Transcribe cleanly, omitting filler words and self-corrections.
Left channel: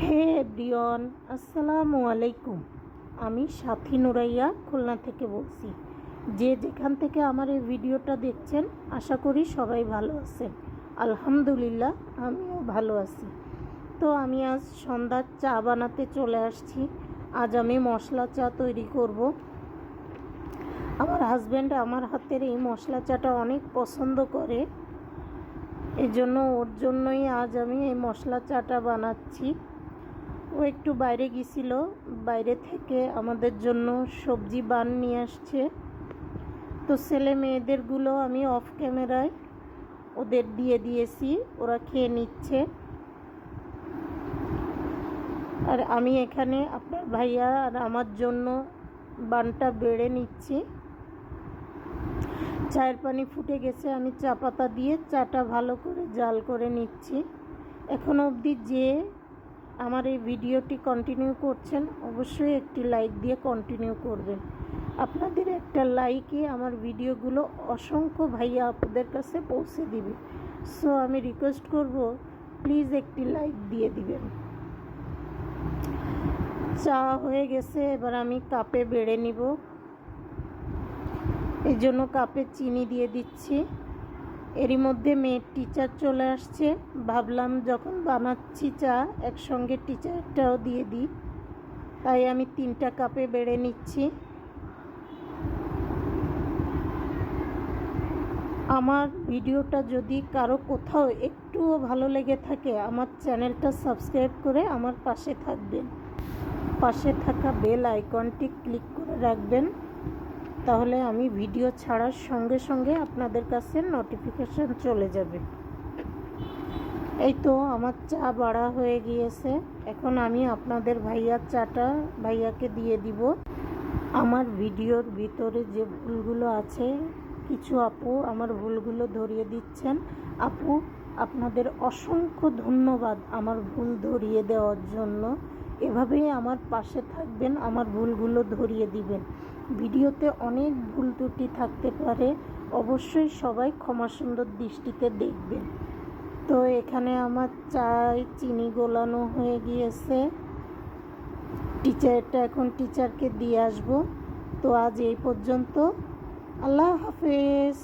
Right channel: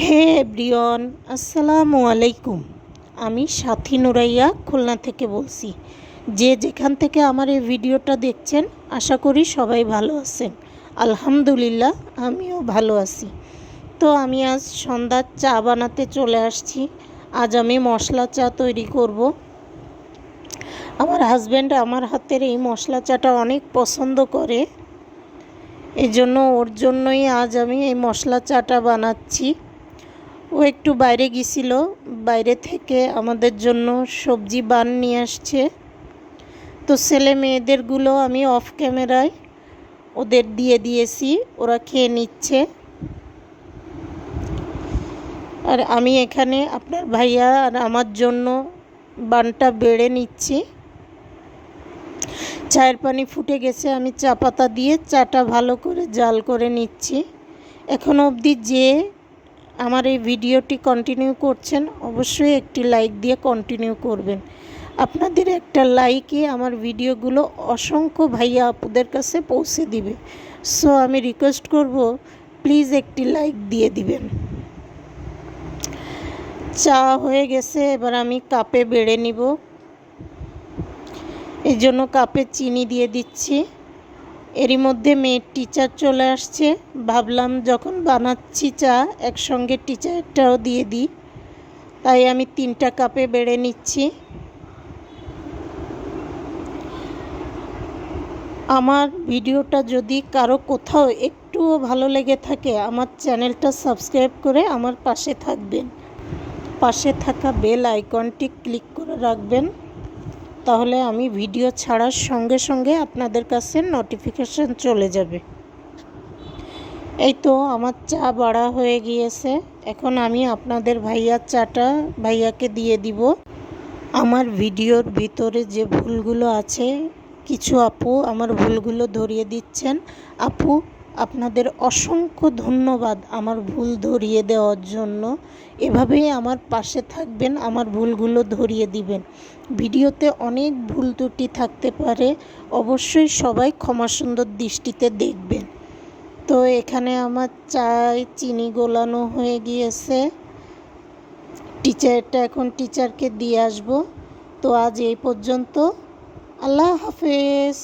হে everyone, আসসালামু আলাইকুম। আমি সাথী নুরাইয়া খুলনা থেকে বলছি। যে যেখান থেকে আমার এই ভিডিওটা দেখছেন, আশা করি সবাই ভালো আছেন। আলহামদুলিল্লাহ, আমিও ভালো আছি। তো আমি আজ সন্ধ্যার চা বানাতে চলে আসছি। আজ আমি মশলা চা তৈরি করব। আমার হাজব্যান্ড আমার হাতের এই মশলা চাটা অনেক পছন্দ করে, এই জন্য ওর জন্যই আজ আমি এই মশলা চাটা বানাচ্ছি। ও একটু বাইরে গিয়েছিল, বাইরে থেকে আমাদের জন্য সবজি বান নিয়ে আসছে। তো ছেলে মেয়েদেরগুলো আমি অফ ক্যামেরায় ওদের দিয়ে দিয়েছি, ওরা খেয়ে নিচ্ছে। আর আমি এখানে আপনার ভাইয়া আর আমার জন্য বানটা বেড়ে নিচ্ছি। চায়ের পানি ফুটে গেছে, আমি চা পাতা দিয়ে চাটা ভালো করে জাল করে নিচ্ছি। এখনো অবধি যে আমার এই ভিডিওটি কন্টিনিউ করছেন, অবশ্যই একটি লাইক দিয়ে কন্টিনিউ করবেন। আপনাদের একটা লাইকই আমার ভিডিওগুলো অসংখ্য ভাইয়া আপুদের কাছে পৌঁছে দিবে। সো আমি রিকোয়েস্ট করব, প্লিজ একটি লাইক দিয়ে দিবেন। চা হয়ে গেছে, এবার আমি কাপে বেড়ে নিব। এই জন্য কাপে চিনি দিয়ে দিচ্ছি। এরই মধ্যে মেয়ের টিচার চলে আসছে। ভাবলাম যখন বানাচ্ছি চা, একসঙ্গে টিচারটাও দিয়ে দিই, তাই আমি 3টা কাপে বেড়ে নিচ্ছি। আমার ভিডিওটা যদি কারো কোথাও একটুও ভালো লেগে থাকে, আমার চ্যানেলটা সাবস্ক্রাইব করে আমার পাশে থাকবেন। পাশে থাকা বেল আইকনটি ক্লিক করে রাখবেন, তাহলে আমি ভিডিও ছাড়ার সঙ্গে সঙ্গে আপনাদের কাছে নোটিফিকেশন চলে যাবে। এই তো আমার চা বাড়া হয়ে গিয়েছে। এখন আমি আপনাদের ভাইয়ার চাটা ভাইয়াকে দিয়ে দিব। আমার ভিডিওর ভিতরে যে ভুলগুলো আছে, কিছু আপু আমার ভুলগুলো ধরিয়ে দিচ্ছেন। আপু, আপনাদের অসংখ্য ধন্যবাদ আমার ভুল ধরিয়ে দেওয়ার জন্য। এভাবেই আমার পাশে থাকবেন, আমার ভুলগুলো ধরিয়ে দিবেন। ভিডিওতে অনেক ভুল ত্রুটি থাকতে পারে, অবশ্যই সবাই ক্ষমাসুন্দর দৃষ্টিতে দেখবেন। তো এখানে আমার চায় চিনি গোলানো হয়ে গিয়েছে। টিচারটা এখন টিচারকে দিয়ে আসবো। তো আজ এই পর্যন্ত। আল্লাহ হাফেজ।